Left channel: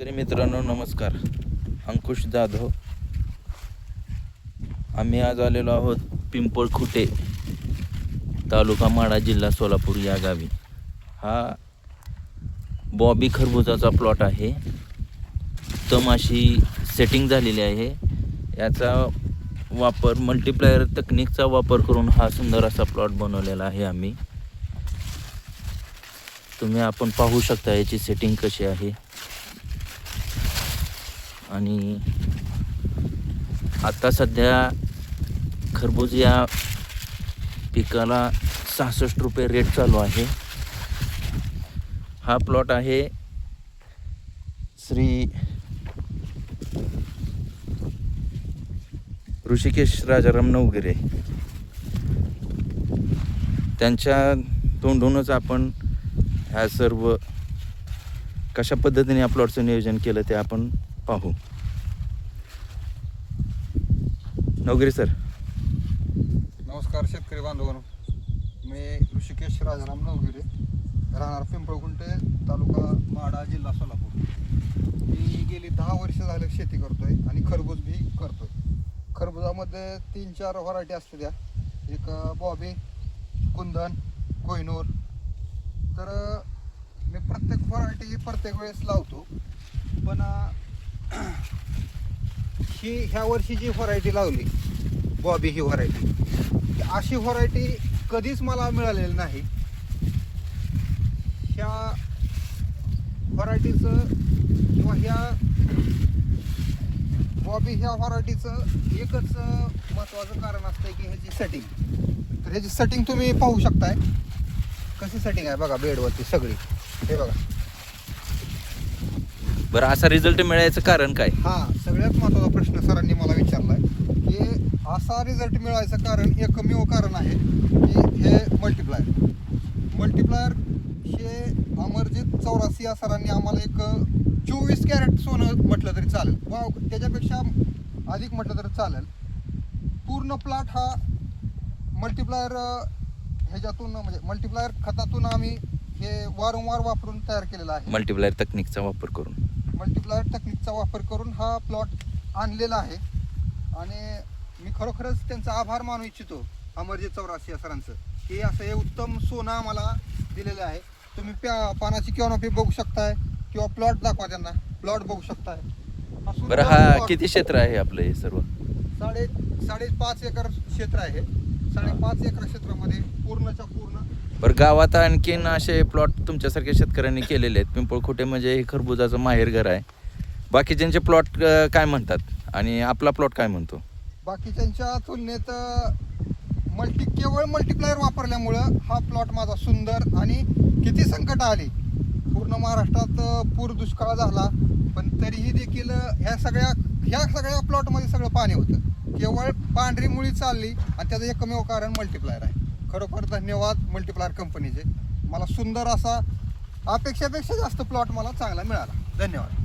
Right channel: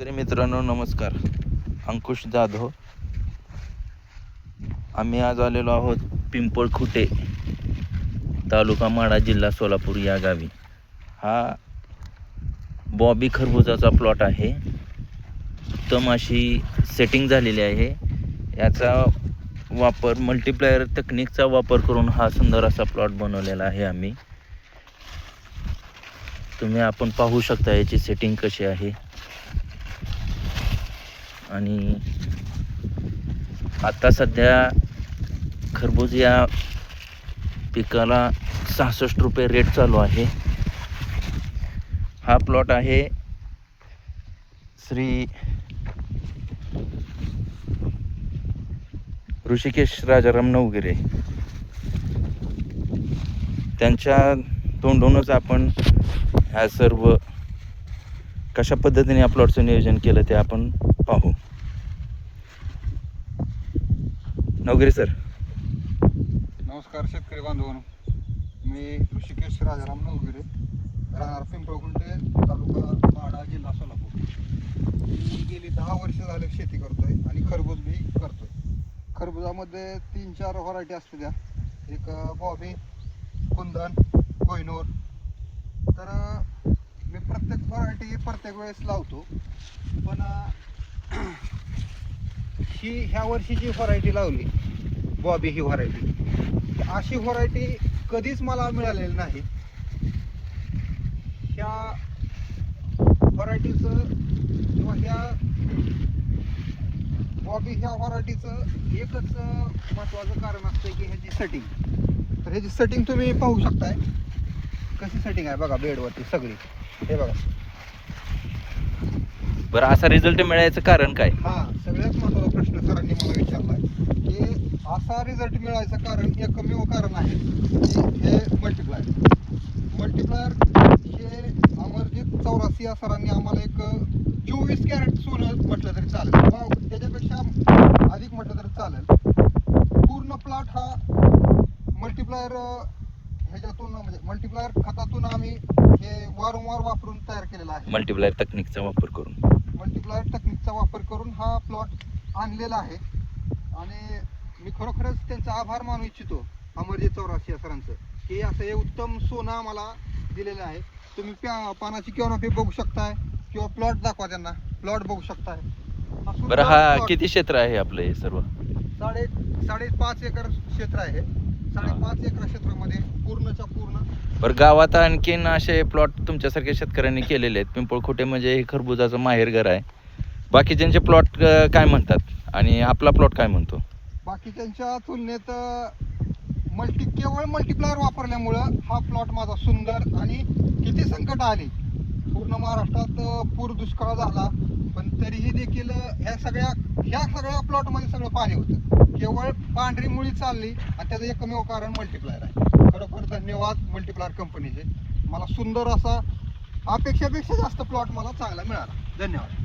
तरी मित्रांनो नमस्कार. अंकुश जाधव. आम्ही आज आलेलो आहोत पिंपळखुटे, तालुका माढा, जिल्हा सोलापूर या गावी. हा बॉबी खरबुजाचा प्लॉट आहे. उत्तम अशी सेटिंग झालेली आहे. याचा वापर मल्टीप्लायर तकनिकचा वापर करून हा सुंदर असा प्लॉट बनवलेला आहे आम्ही. आपण पाहू शकता याची सेटिंग कशी आहे. आणि आता सध्या खरबूज या पिकाला 66 रुपये रेट चालू आहे. हा प्लॉट आहे श्री ऋषिकेश राजाराम नवगिरे. त्यांच्या तोंडूनच आपण ह्या सर्व कशा पद्धतीने या प्लॉटचं नियोजन केलं ते आपण पाहू. नवगिरे सर. नमस्कार शेतकरी बांधवांनो, मी ऋषिकेश राजाराम नवगिरे, राहणार पिंपळखुटे, तालुका माढा, जिल्हा सोलापूर. मी गेली 10 वर्ष झाले शेती करतोय आणि खरबूज बी करतोय. खरबुजामध्ये 3-4 व्हरायटी असते त्या. एक बॉबी, कुंदन, कोहिनूर. तर मी प्रत्येक व्हरायटी प्रत्येक वेळेस लावतो. पण ह्या वर्षी जी व्हरायटी लावली बॉबी, ही व्हरायटी, अशी व्हरायटी कधीच मला मिळालेली नाही. ह्या व्हरायटीचं किंवा ह्या बॉबी ह्या व्हरायटीचं एकच महत्त्वाचं कारण असतं की ह्याची सेटिंग. तर ह्याची सेटिंग तुम्ही पाहू शकताय कशी सेटिंग आहे बघा बेडवरती सगळी. हे बघा. बरं, असा रिझल्ट मिळायचं कारण काय? हा सगळ्यात महत्त्वाचा प्रश्न सरांनी मला विचारलाय की असा रिझल्ट मिळायचं कारण एकमेव कारण आहे की हे मल्टीप्लायर हे अमरजित 84 या सरांनी आम्हाला एक 24 कॅरेट सोनं म्हटलं तरी चालेल, त्याच्यापेक्षा अधिक म्हटलं तरी चालेल. पूर्ण प्लॉट हा मल्टीप्लायर ह्याच्यातून म्हणजे मल्टीप्लायर खतातून आम्ही हे वारंवार वापरून तयार केलेला आहे. मल्टीप्लायर तकनिकचा वापर करून हा प्लॉट आणलेला आहे. आणि मी खरोखरच त्यांचा आभार मानू इच्छितो अमरजित 84 या सरांचं की असं हे उत्तम सोनं आम्हाला दिलेलं आहे. तुम्ही पानाची कॅनोपी बघू शकताय किंवा प्लॉट दाखवा त्यांना, प्लॉट बघू शकताय. बरं, हा किती क्षेत्र आहे आपलं हे सर्व? 5.5 एकर क्षेत्र आहे. 5.5 एकर क्षेत्रामध्ये पूर्णच्या पूर्ण. बरं, गावात आणखीन असे प्लॉट तुमच्यासारख्या शेतकऱ्यांनी केलेले आहेत? पिंपळखुटे म्हणजे हे खरबुजाचं माहेरघर आहे. बाकीच्यांचे प्लॉट काय म्हणतात आणि आपला प्लॉट काय म्हणतो? बाकीच्यांच्या तुलनेत केवळ मल्टीप्लायर वापरल्यामुळं हा प्लॉट माझा सुंदर. आणि किती संकट आली, पूर्ण महाराष्ट्रात पूर दुष्काळ झाला, पण तरीही देखील ह्या सगळ्या प्लॉटमध्ये सगळं पाणी होतं. केवळ पांढरी मुळी चालली आणि त्याचं एकमेव कारण मल्टीप्लायर आहे. खरोखर धन्यवाद मल्टीप्लायर कंपनीचे. मला सुंदर असा, अपेक्षापेक्षा जास्त प्लॉट मला चांगला मिळाला. धन्यवाद.